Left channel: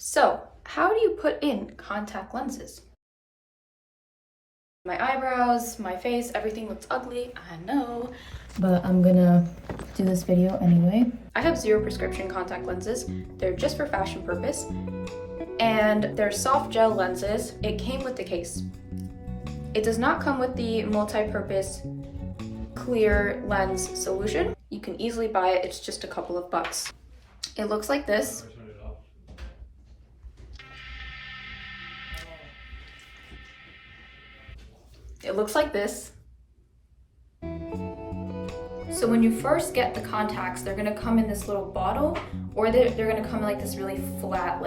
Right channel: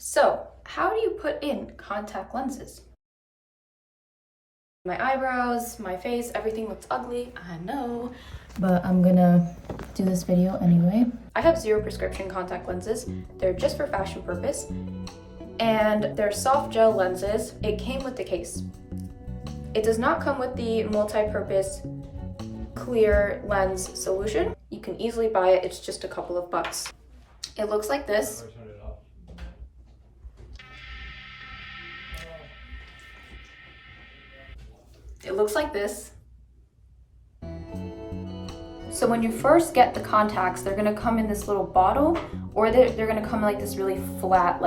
So, how do you put in contact lenses? My eyebrows, my face, everything looks ugly, I know, but I'm gonna do this video anyway. I have 0 prescription contact lenses. They're just for fashion purpose, and they're soft gel lenses. It came with the case. It does not come with the multi-purpose clear lens solution. You can easily buy it, it's just a couple of bucks. It looks like this. It looks like this. So when you first get the contacts, they're gonna come in this little bottle, or they're gonna come in like this really flat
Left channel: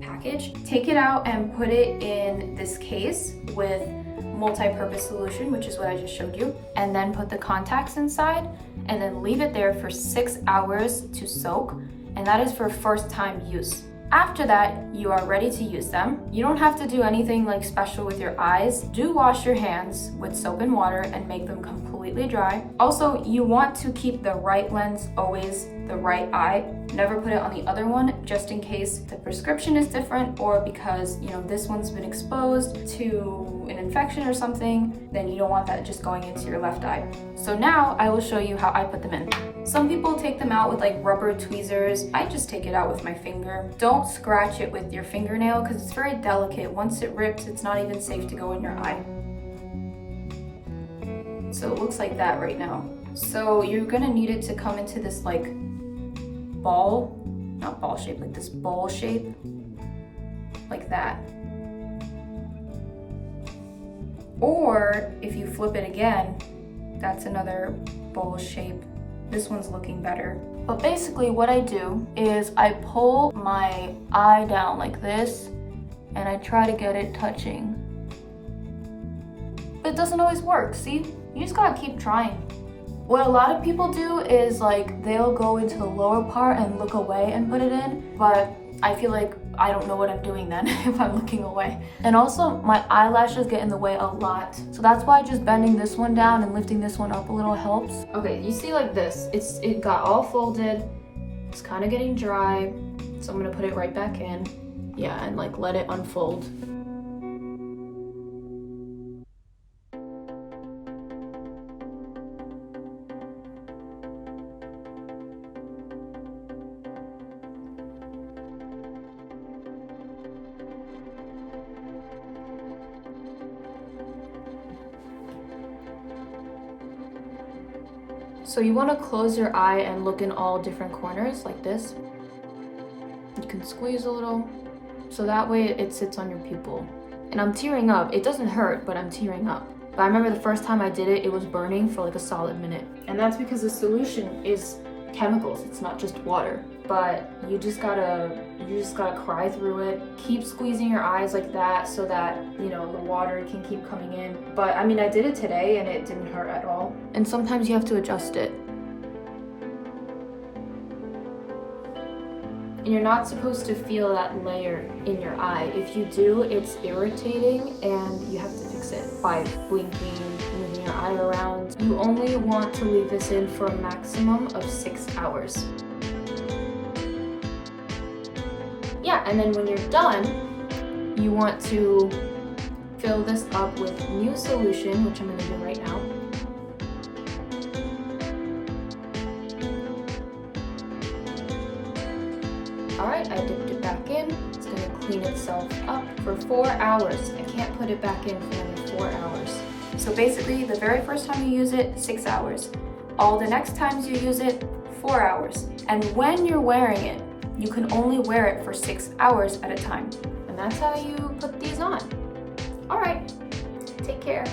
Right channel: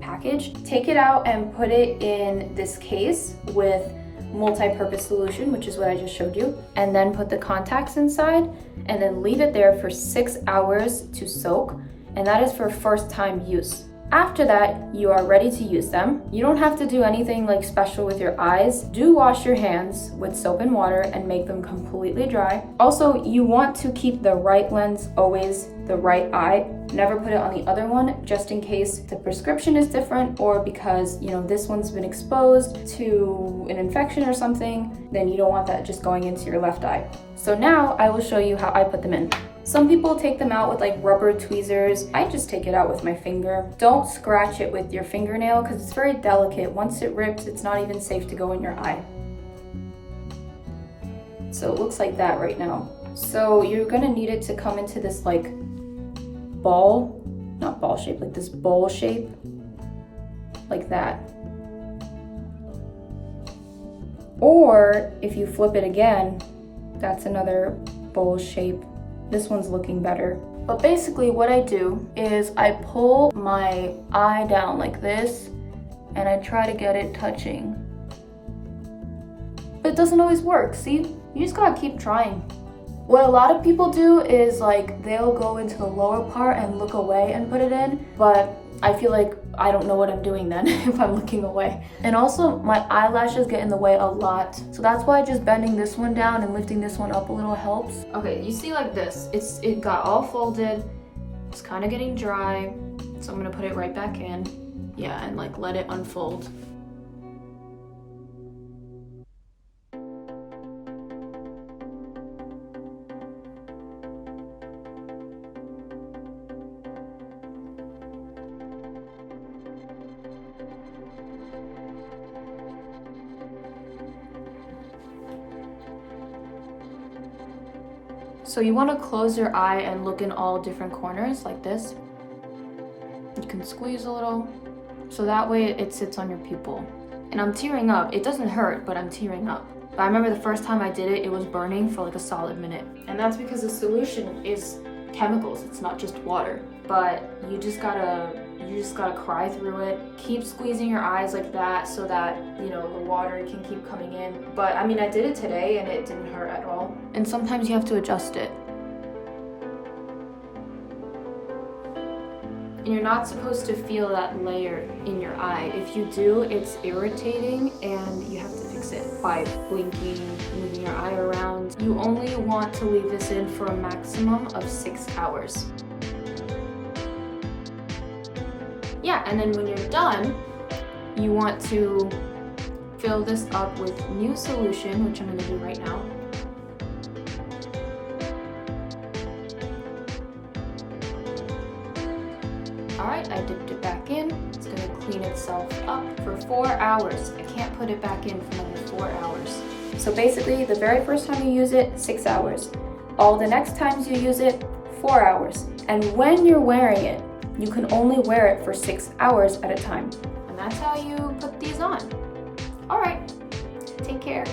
package. Take it out and put it in this case with multi-purpose solution, which is what I just showed you, and then put the contacts inside and then leave it there for 6 hours to soak, and that is for first time use. After that, you are ready to use them. You don't have to do anything special with your eyes. Do wash your hands with soap and water and make them completely dry. Also, you want to keep the right lens always the right eye. Never put it on the other one, just in case the prescription is different, or because this one's been exposed to an infection or something, then you don't want that just going into your left eye. So now I will show you how I put them in. Some people take them out with rubber tweezers. I just take it out with my finger. Don't scratch it with your fingernail because it's very delicate. Once it rips, it's not even safe to go in your eye. So it looks like that right now. So you're gonna need it to come into this ball, not ball shape, this bowl shape, like that. Or if you flip it again, that's another bowl shape. This one's looking better. But basically what I do is I pull my eye down like this and I try to get it touching. But it doesn't always work, see? You just gotta keep trying. What a lot of people do is they'll go into the lower part and look away and put it in, but I feel like I don't know what I'm doing then if I'm looking away. And also my eyelashes get in the way a lot. So that's why just bending this one down and lifting this one up a little helps. Okay, you see this, it got all folded. It's kind of getting dry. So I'm gonna put it right back in. Yeah, and let it unfold. So you want to close your eye and look in all different corners like this. You can squeeze a little, so that way it sits on your pupil. And I'm tearing up. It doesn't hurt, but I'm tearing up. But I remember the first time I did it, it was burning for a solid minute. And that's because the solution is chemicals, it's not just water. But you just gotta cry through it. Keep squeezing your eyes like that so that, the water can keep coming in. But I did it today and it didn't hurt at all. And sometimes you have to adjust it. And you're not supposed to feel that layer in your eye. If you do, it's irritating and you have to fix it by blinking, moving your eye around. You only want to leave this in for a maximum of 6 hours. Yeah, and then when you're done, you want to fill this up with new solution, which I'm gonna do right now. All right, I dipped it back in. It's gonna clean itself up for 4 hours. I can't put it back in for another 4 hours. So basically, the very first time you use it, 6 hours. All the next times you use it, 4 hours. And when you're wearing it, you can only wear it for 6 hours at a time. And that's how you put these on. All right, take care.